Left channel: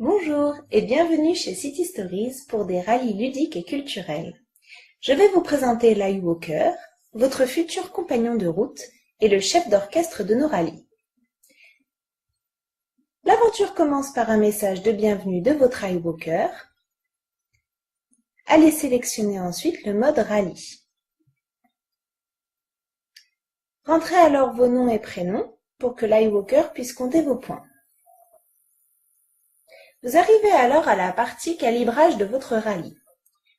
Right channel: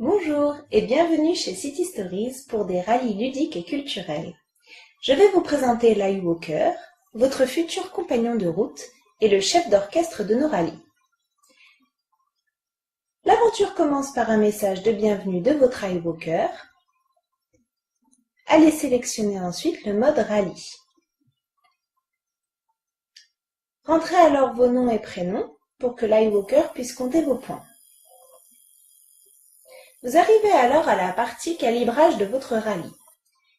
Bonjour et bienvenue chez City Stories pour des rallyes ludiques et culturels. Je vais vous présenter Lai Walker, votre futur compagnon de route et le chef d'orchestre de nos rallyes. L'aventure commence par un message de bienvenue de votre Lai Walker. Allez sélectionner ensuite le mode rallye. Rentrez alors vos noms et prénoms pour que Lai Walker puisse compter vos points. Vous arrivez alors à la partie calibrage de votre rallye.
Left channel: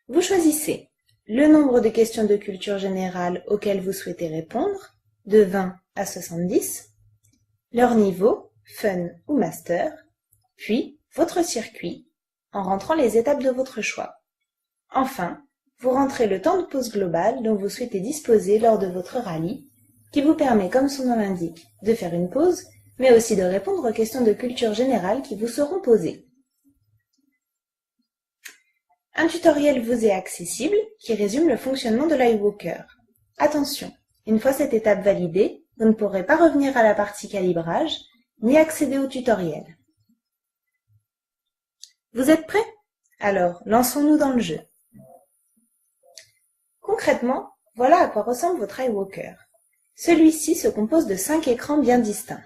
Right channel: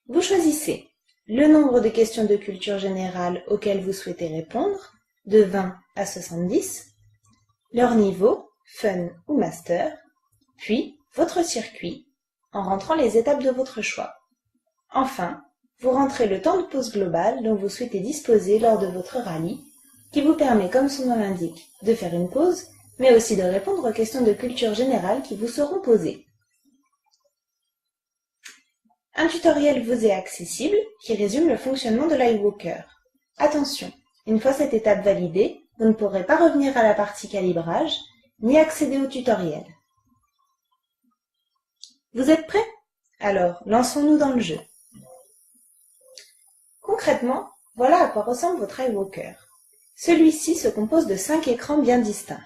Vous choisissez le nombre de questions de culture générale auxquelles vous souhaitez répondre, de 20 à 70, leur niveau, fun ou master, puis votre circuit, en rentrant les étapes de votre choix. Enfin, vous rentrez le temps de pause global dont vous souhaitez disposer lors de votre rallye, qui vous permet, comme son nom l'indique, de faire une pause, mais aussi de répondre aux questions de culture générale qui vous seront posées. Un tutoriel vous est accessible qui résume le fonctionnement de Lai Walker. Attention, une fois cette étape validée, vous ne pourrez pas revenir à la partie calibrage ni accéder au tutoriel. Vous êtes prêts? Alors, lançons-nous dans le jeu. Concrètement, voilà à quoi ressemble votre Lai Walker. Celui-ci se compose de 5 écrans bien distincts.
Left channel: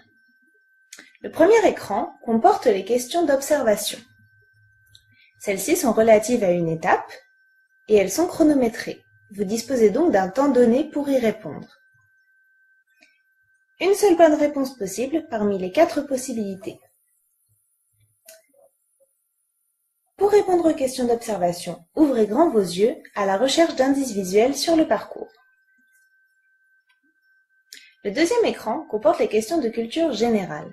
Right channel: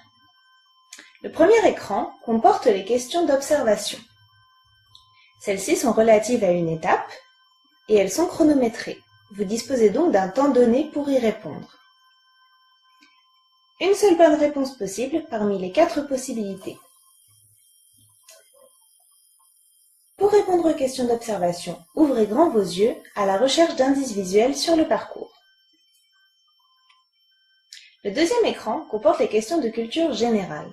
Le premier écran comporte les questions d'observation. Celles-ci sont relatives à une étape et elles sont chronométrées. Vous disposez donc d'un temps donné pour y répondre. Une seule bonne réponse possible parmi les 4 possibilités. Pour répondre aux questions d'observation, ouvrez grand vos yeux à la recherche d'indices visuels sur le parcours. Le deuxième écran comporte les questions de culture générale.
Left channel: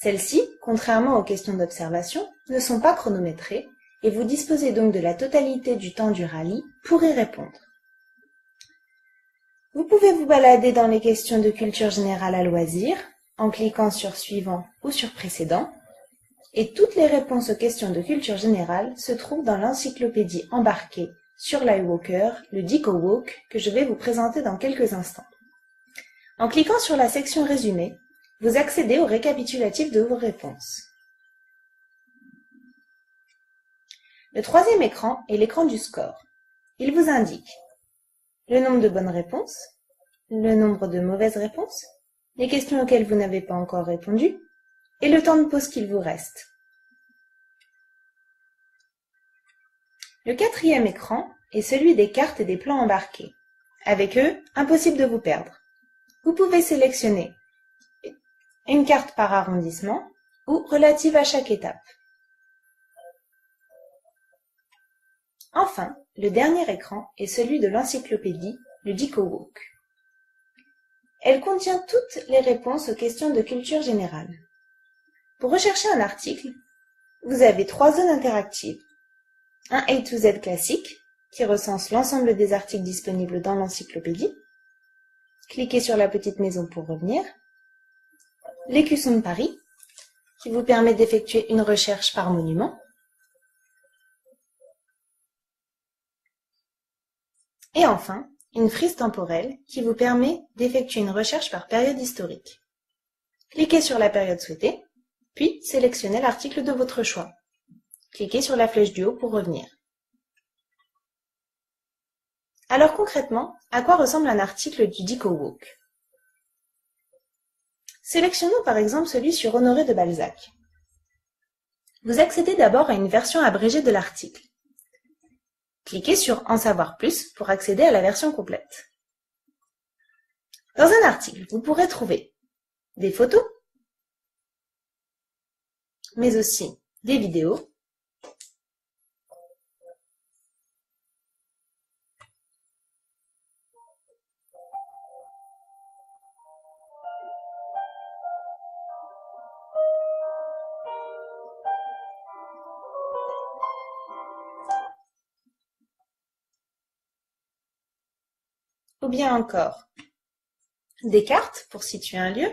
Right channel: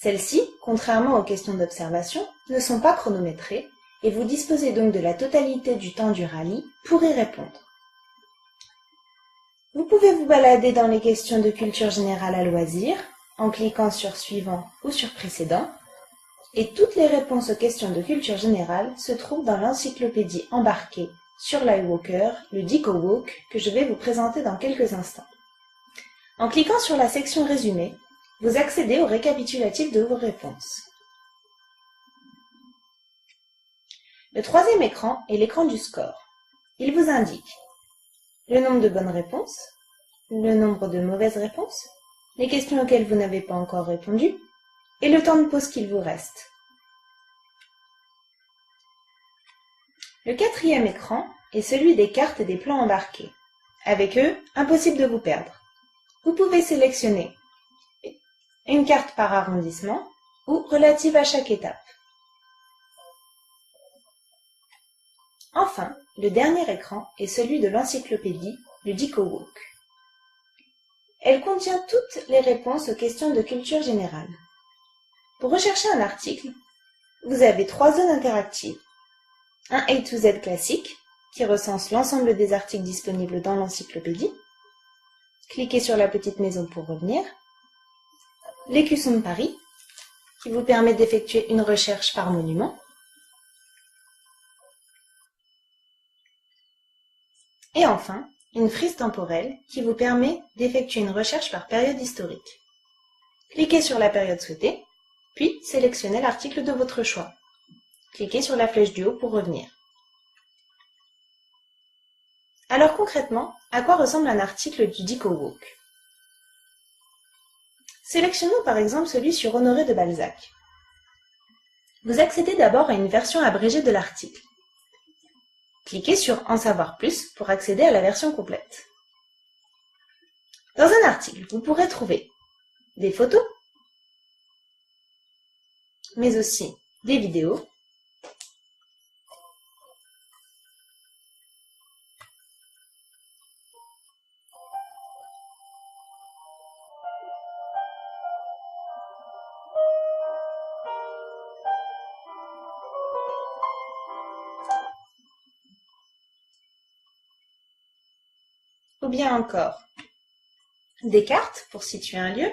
Celles-ci, contrairement aux questions d'observation, ne sont pas chronométrées et vous disposez donc de la totalité du temps du rallye pour y répondre. Vous pouvez vous balader dans les questions de culture générale à loisir, en cliquant sur Suivant ou sur Précédent, et toutes les réponses aux questions de culture générale se trouvent dans l'encyclopédie embarquée sur Lai Walker, le DecoWalk, que je vais vous présenter dans quelques instants. En cliquant sur la section Résumé, vous accédez au récapitulatif de vos réponses. Le troisième écran est l'écran du score. Il vous indique le nombre de bonnes réponses, le nombre de mauvaises réponses, les questions auxquelles vous n'avez pas encore répondu et le temps de pause qu'il vous reste. Le quatrième écran est celui des cartes et des plans embarqués. Avec eux, impossible de vous perdre. Vous pouvez sélectionner une carte par arrondissement ou relative à chaque étape. Enfin, le dernier écran est celui de l'encyclopédie, le DecoWalk. Elle contient toutes les réponses aux questions de culture générale. Pour rechercher un article, vous avez 3 zones interactives. Un A to Z classique, qui recense l'ensemble des articles disponibles dans l'encyclopédie. Cliquez sur la petite maison pour revenir. L'écusson de Paris, qui vous permet d'effectuer une recherche par monument. Et enfin, une frise temporelle qui vous permet d'effectuer une recherche par période historique. Cliquez sur la période souhaitée, puis sélectionnez l'article de votre choix. Cliquez sur la flèche du haut pour revenir. Alors concrètement, à quoi ressemble un article du DecoWalk? Sélectionnons par exemple celui sur Honoré de Balzac. Vous accédez d'abord à une version abrégée de l'article. Cliquez sur « En savoir plus » pour accéder à la version complète. Dans un article, vous pourrez trouver des photos, mais aussi des vidéos, ou bien encore des cartes pour situer un lieu,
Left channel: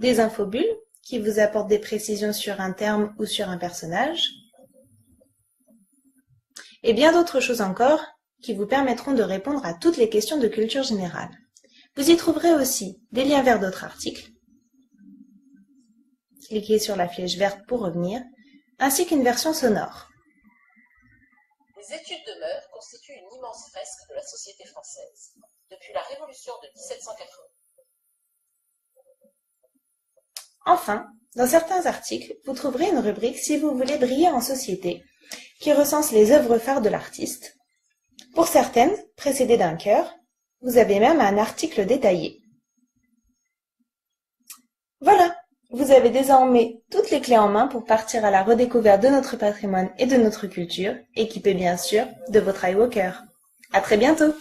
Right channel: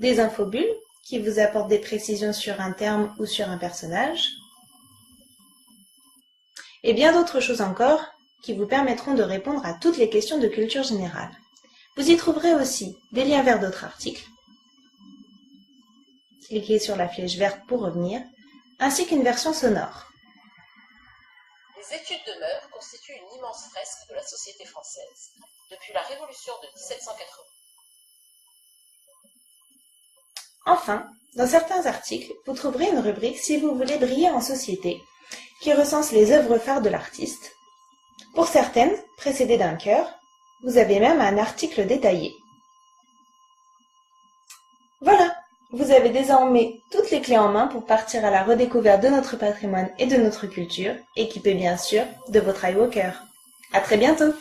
des infobules qui vous apportent des précisions sur un terme ou sur un personnage, et bien d'autres choses encore qui vous permettront de répondre à toutes les questions de culture générale. Vous y trouverez aussi des liens vers d'autres articles, cliquez sur la flèche verte pour revenir, ainsi qu'une version sonore. Les études de mœurs constituent une immense fresque de la société française, depuis la Révolution de 1780. Enfin, dans certains articles, vous trouverez une rubrique si vous voulez briller en société, qui recense les œuvres phares de l'artiste. Pour certaines, précédées d'un cœur, vous avez même un article détaillé. Voilà, vous avez désormais toutes les clés en main pour partir à la redécouverte de notre patrimoine et de notre culture, équipé bien sûr de votre iWalker. À très bientôt!